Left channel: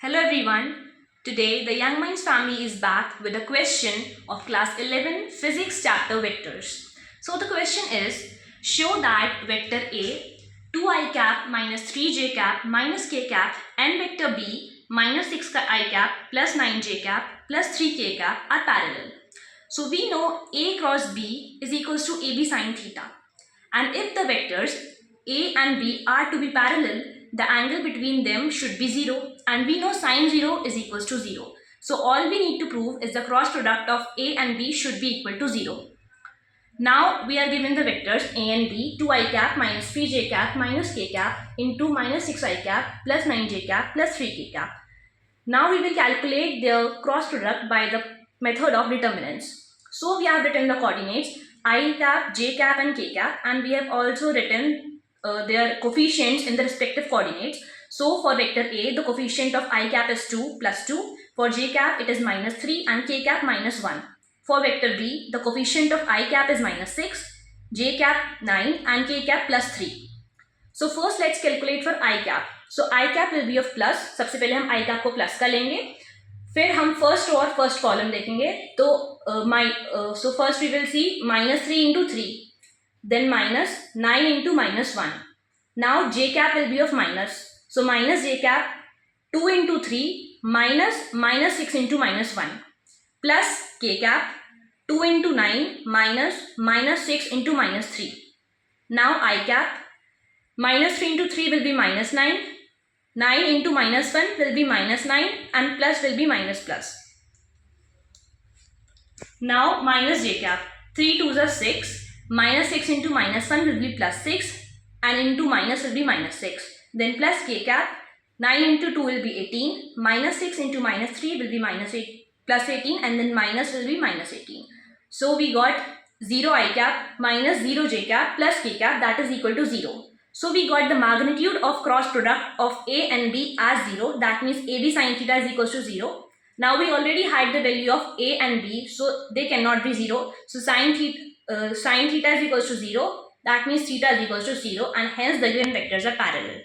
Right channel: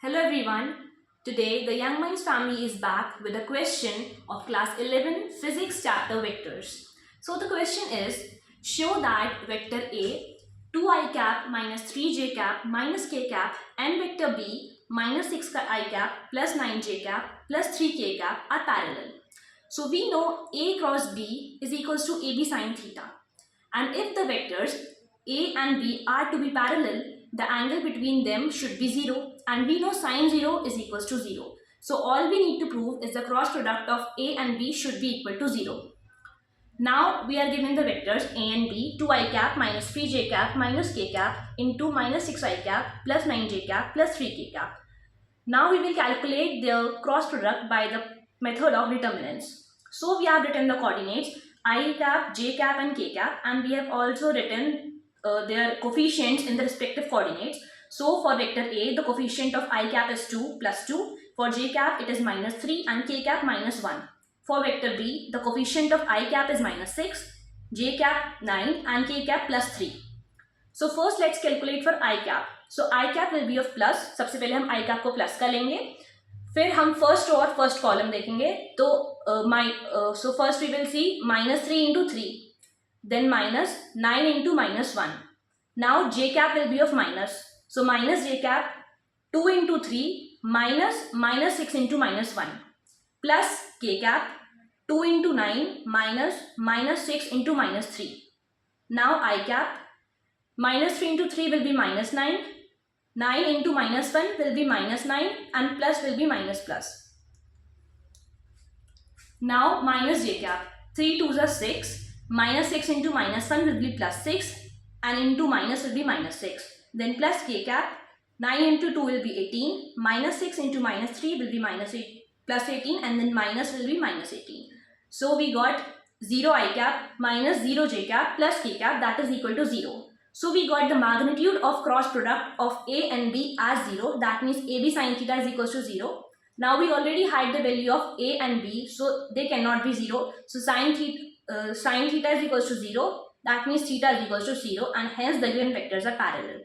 Hello everyone. Today the Young Minds family is back with a question of class 11 physics chapter vectors. So the question is, show that vector A 2i cap minus 3j cap minus k cap and vector B minus 6i cap plus 9j cap plus 3k cap are parallel. So we know A cross B is equals to AB sine theta, and if the vectors A and B are to be parallel, the angle between them should be 0, and we know sine 0 is equals to 0. So all we need to prove is the cross product of A and B should be equal to 0. Now we are given the vectors A and B 2i cap minus 3j cap minus k cap into minus 6i cap plus 9j cap plus 3k cap. Now we will calculate their cross product by the method of determinants. So we have written the coordinates I cap, j cap and k cap, and we have also written their coefficients in the respective coordinates. So for vector A, the coefficient of I cap is 2 plus 2. For j cap, it is minus 3 and k cap minus 1. For vector B, the coefficient of I cap is minus 6, j cap 9 and k cap plus 3. So first let's calculate for I cap. So I cap will be of plus. सबसे पहले हम I cap को plus का लेंगे, फिर हम first और first column देखेंगे. तो so first we will see minus 3 into 3, then minus 9 into minus 1. Now j cap will be of minus. So minus j cap 2 into 3 minus 6 into minus 1 plus k cap 2 into 9 minus 6 into minus 3. Now I cap minus 3 into 3 will be minus 9. 9 into minus 1 will be minus 9 and plus will be minus plus. Now minus j cap. 3 2s are 6. Minus 6 into minus 1 will be plus 6 and into minus will be minus 6. Then plus k cap. 9 into 2 will be 18. Minus 6 into minus 3 will be minus 8 plus 18 and then minus will be minus 18. So we got 0 I cap minus 0 j cap plus k cap, that is equal to 0. So we got the magnitude of cross product of A and B as 0. That means AB sin theta is equals to 0. Now we already had the value of A and B, so they cannot be 0. So sin theta is equals to 0. That means theta is equals to 0, and hence the given vectors are parallel.